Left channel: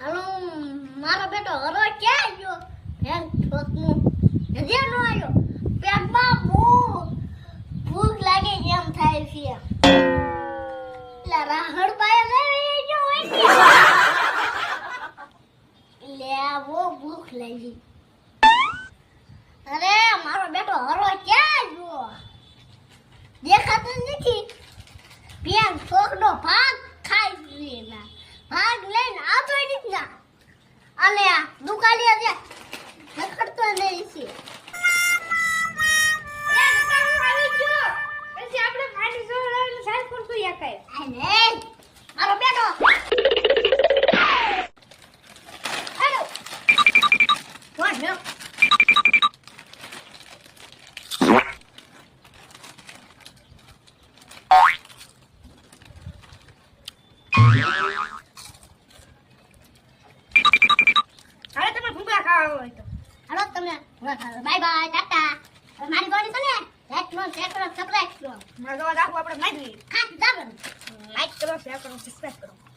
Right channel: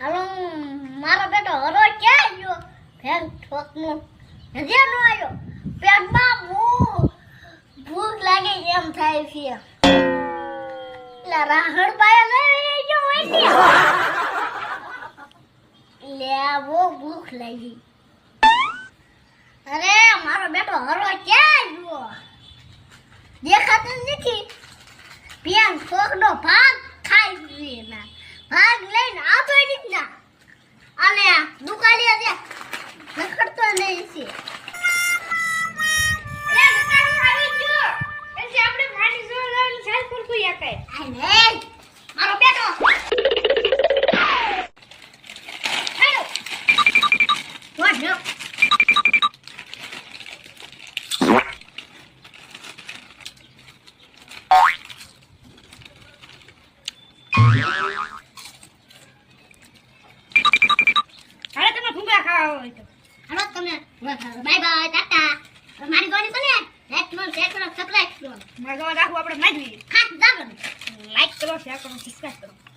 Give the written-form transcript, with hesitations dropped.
હાલો મારો બેટો હરો ક્યાં ગયો ફેન ઠોકનું હજી નો આવ્યો પેટમાં ભૂખ લાગે એમ થાય છે લા રાહડ પાયા લઈ ગયો હોય લે બહુ ભૂખ લાગી અરે મારો બેટો હરો ક્યાં ગયો દેખાતો નથી પેન ઠોકનો ભાગ ખાઈ ગયો ના ભાગ લઈને આવતો નથી અને દુકાને દે રખડતો નહીં છે આપણે માટી જોર લાવીને સાલ કરતું યાકાય આ ને મારો બેટો હેલો વોટ નો હાલો તમે ભૂંગળા ખાવા હોય તો હાલો તમે બાય બાય ટાટા મારી ગોળી બને લાઈક નો શેર કરો સબસ્ક્રાઇબ કરો મારો ગોળ રાખો આપણે મારી હા દાગો લાઈક કરો શેર કરો સબસ્ક્રાઇબ કરો